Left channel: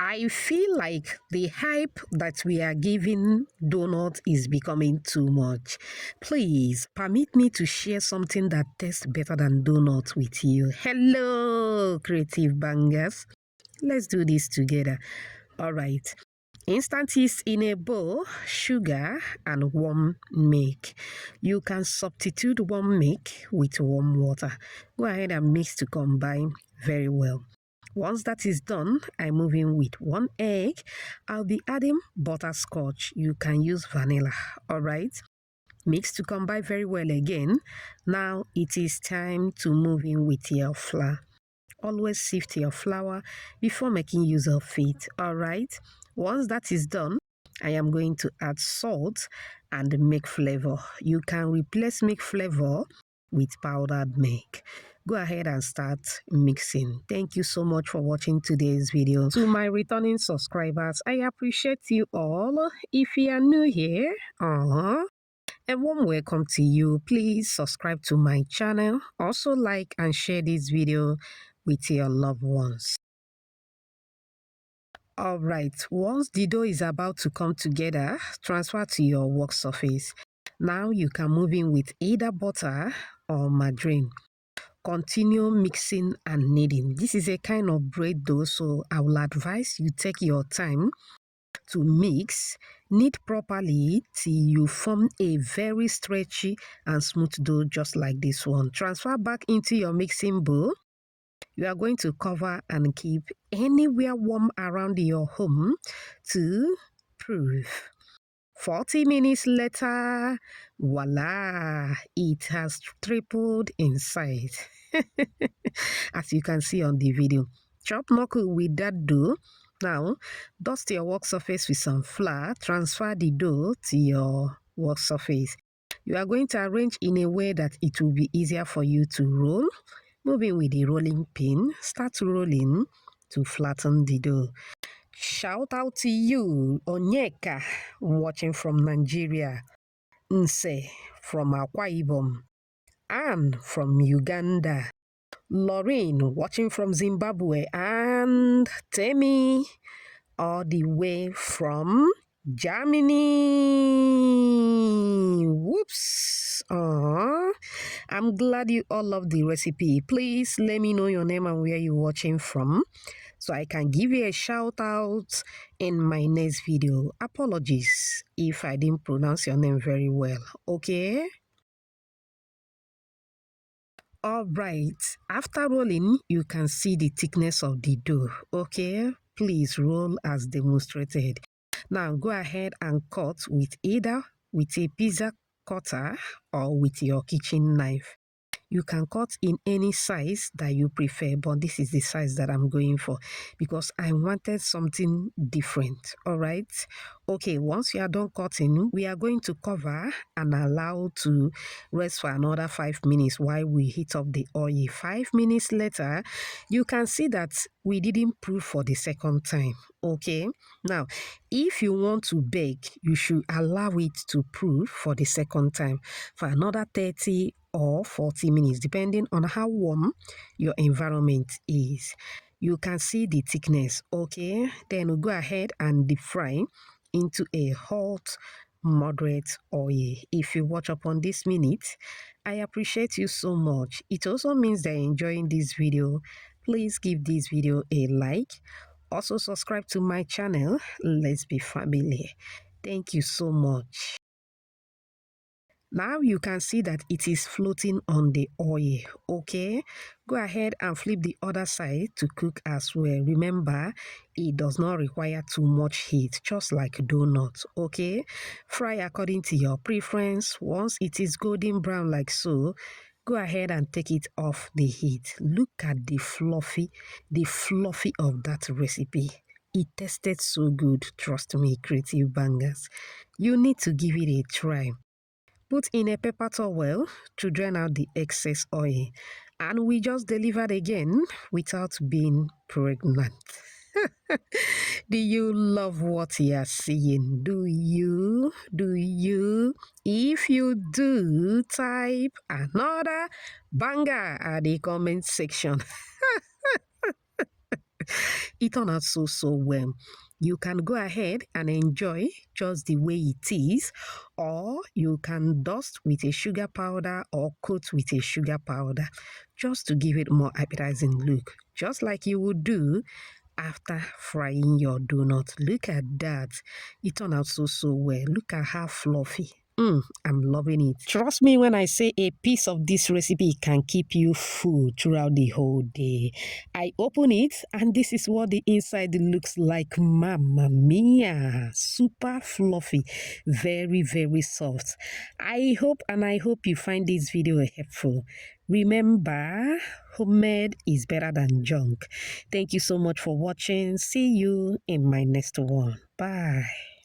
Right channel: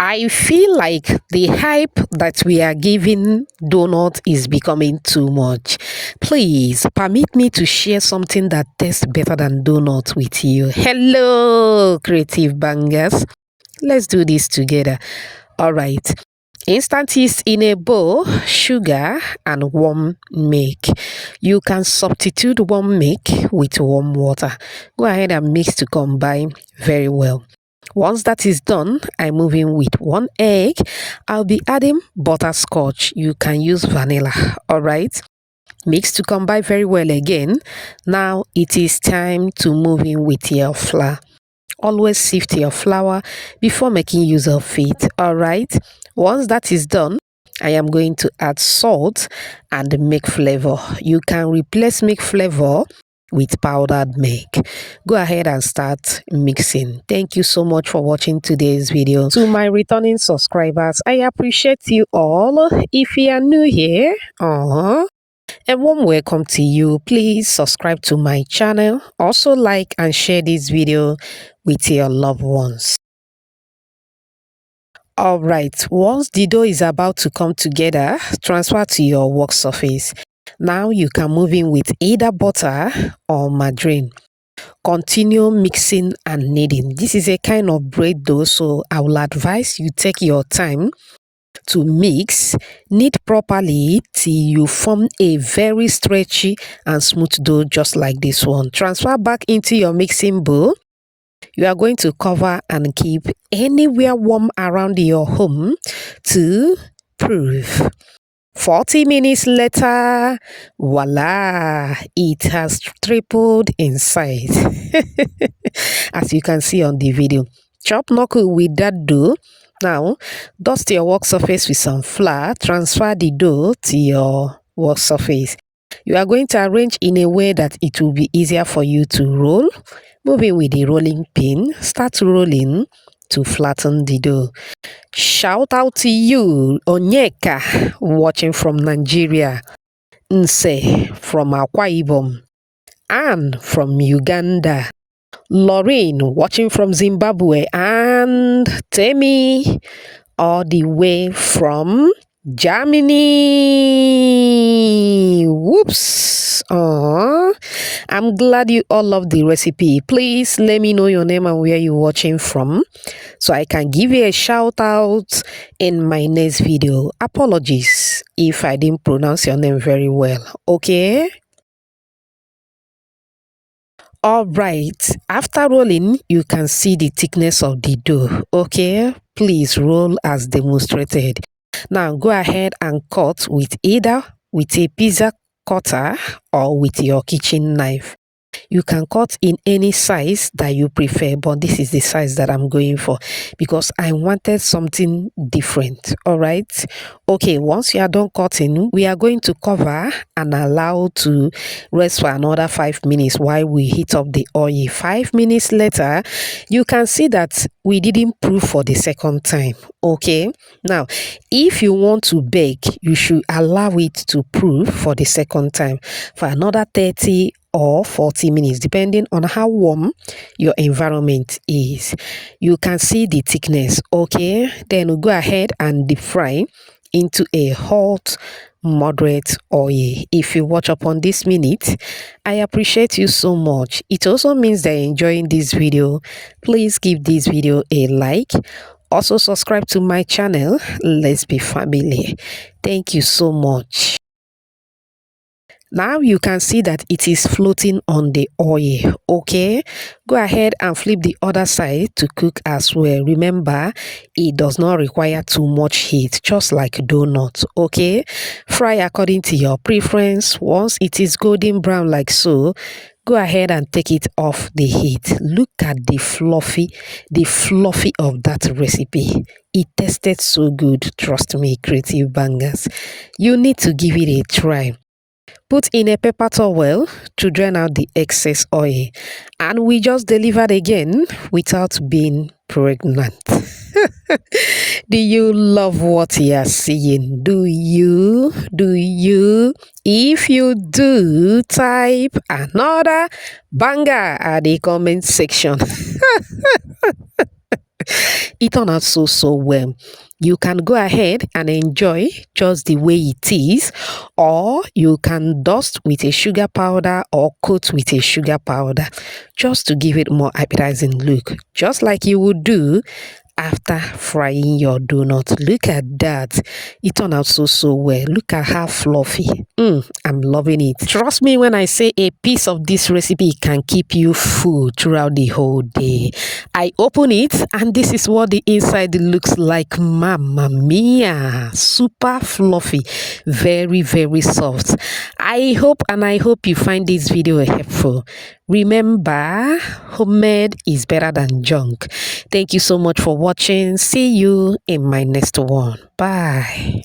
I feel like the hype that we are giving donut is becoming too much. Please permit me to share something that tastes better than donut with you. Hello, creative bangers. Let's do this together. All right. Instant yeast in a bowl, sugar, and warm milk. You can substitute warm milk with warm water. Go ahead and mix to combine very well. Once that is done, I move in with 1 egg. I'll be adding butterscotch. You can use vanilla. All right. Mix to combine very well again. Now it is time to move in with your flour. Always sift your flour before making use of it. All right. Once that is done, I am going to add salt and milk flavor. You can replace milk flavor with powdered milk. Go ahead and start mixing. Thank you so much for watching today's video. To my returning subscribers, I appreciate you all. If you are new here, a warm welcome to you. Please subscribe to my channel. Also like and share this video with your loved ones. All right, once the dough is about to come together, transfer to your work surface. Now you can move in with either butter or margarine. Continue mixing and kneading. This is a kind of bread dough, so I will advise you take your time to mix, knead properly till you form a very stretchy and smooth dough just like this one. Transfer back into your mixing bowl. You are going to cover and keep anywhere warm around your home to proof. 40 minutes later, voila, it has tripled in size. As you can see on the video. Chop knuckle with that dough. Now, dust your work surface with some flour. Transfer the dough to your work surface. You are going to arrange in a way that it will be easier for you to roll. Moving with the rolling pin, start rolling to flatten the dough. Shout out to you, Onyeka, watching from Nigeria, Nse from Akwa Ibom, Anne from Uganda, Lorraine watching from Zimbabwe, and Temi all the way from Germany. Whoops. I'm glad you all love the recipe. Please let me know your name and where you're watching from so I can give you a shout out in my next video. Apologies if I didn't pronounce your name very well. Okay? All right. After rolling, you can see the thickness of the dough. Okay? Please roll as demonstrated. Now go ahead and cut with either with a pizza cutter or with your kitchen knife. You can cut in any size that you prefer, but this is the size that I'm going for because I wanted something different. All right. Okay, once you are done cutting, we are going to cover and allow to rest for another 5 minutes while we heat up the oil. 5 minutes later, you can see that we didn't proof for the second time. Okay, now if you want to bake, you should allow it to proof for the second time for another 30 or 40 minutes depending on how warm your environment is. You can see the thickness. Okay, then we'll go ahead and deep fry into a hot moderate oil. If you watch up on this minute, I appreciate you so much. It also means that you're enjoying this video. Please give this video a like. Also subscribe to my channel. Let's be family. Thank you so much. Now you can see that it is floating on the oil. Okay, go ahead and flip the other side to cook as well. Remember, it does not require too much heat, just like donut. Okay, fry according to your preference. Once it is golden brown like so, go ahead and take it off the heat. Look at the fluffy of that recipe. It tasted so good. Trust me, creative bangers. You need to give it a try. Put in a paper towel to drain out the excess oil. And we just delivered again without being pregnant. Do you love what you are seeing? Do you? Do you? If you do, type another banger at the comment section. It turned out so well. You can go ahead and enjoy just the way it is, or you can dust with a sugar powder or coat with a sugar powder just to give it more appetizing look, just like you would do after frying your donut. Look at that. It turned out so well. Look at how fluffy. I'm loving it. Trust me when I say a piece of this recipe can keep you full throughout the whole day. I open it and this is what the inside looks like. Mamma mia. Super fluffy. Very soft. I hope you find this video helpful. Remember, homemade is better than junk. Thank you so much for watching. See you in my next one. Bye.